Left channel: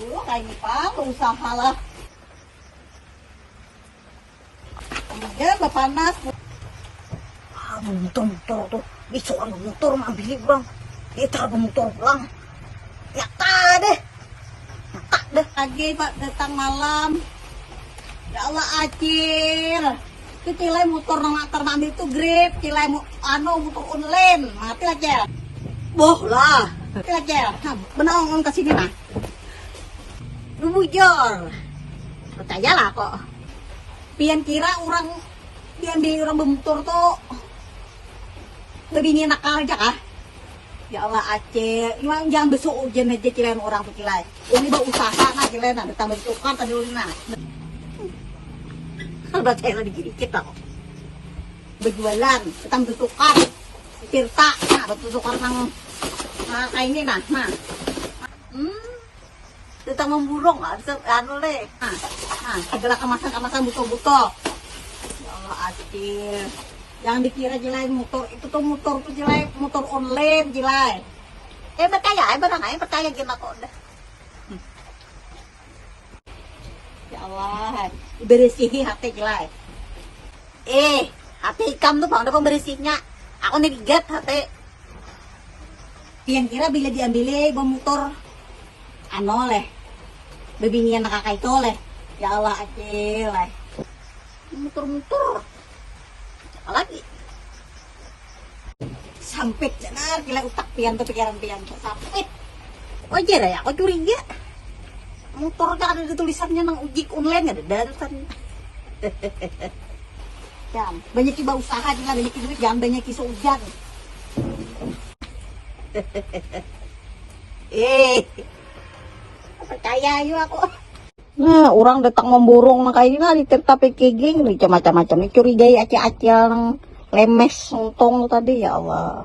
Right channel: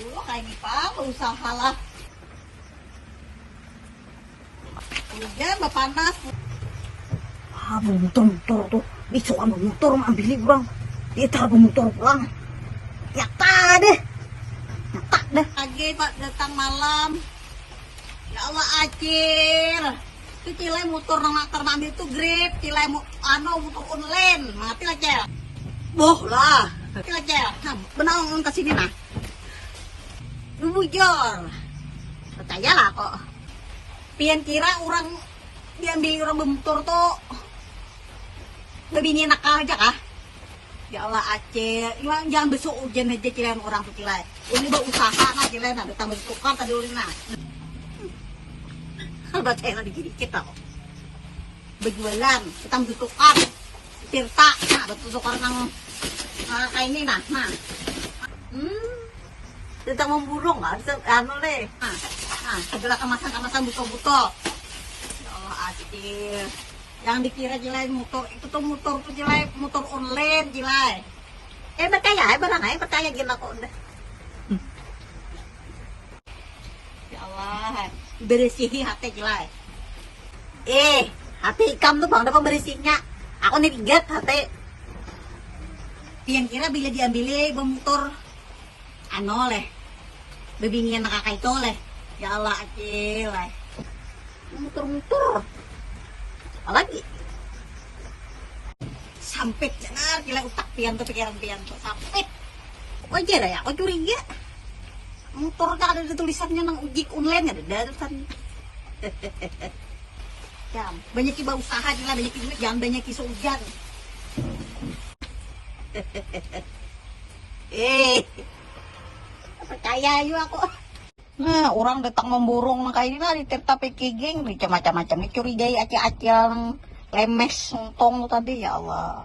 Kayak gitu, usaha lah. Enggak, panas. Motor tuh. Itu kan motor ambil bang. Kita motor pulang. Ya deh. Tak deh. Pagi Pak datang malam. Ya Allah acir. Itu cilai motor nang akar ambil itu grip. Cilai motor online. Mati lah cel. Boh lah. Mati lah cel. Benong ke sini nah. Lu bujur. Percayalah kok. Pian kira orang di orang bentur tuh lebih nakal aja kah? Ya Allah Aceh, jangan besok ujian aja cilain orang tuh cilai. Ini udah usaha nah cilain ada tambah tukar tadi ulina. Kalau baca yang dikit kok. Berjualan, kita tukar, tirta, nah bertukar nang kayak ini nah. Kita memburung nggak? Anu leh. Nah, adalah kemasan buto-buto. Ya Allah Acil. Jangan dikira jelai motor itu tuh motor online jelai. Percaya, barang aja percaya gila kok. Ya Allah, berisihi hati jelai. Hati ikam tuh bang, dapat berisihnya. Aku nih lihat hati. Yang kira bila diambilnya bawa motor, anu leh. Bebingian kakak itu leh. Ya Allah Acil leh. Motor. Lagi sampit benar gila utak pian tuh pikiran tuh sampit wajar ya aku curiga motor gak ada tulisannya nang ojek online ada dadasan. Jam banyak tiba usaha juga banyak duit jangan banyak isu ujian. Percaya yuk aku. Nah, orang datang memborong makanya ini tapi kegeng macam-macam curigai acil-acil nang lemes sontong tadi ya Allah.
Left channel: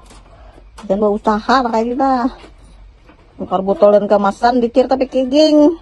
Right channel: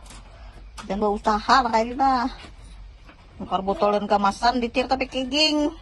Dan berusaha makanya dah. Tukar botol dan kemasan ditir tapi kegeng.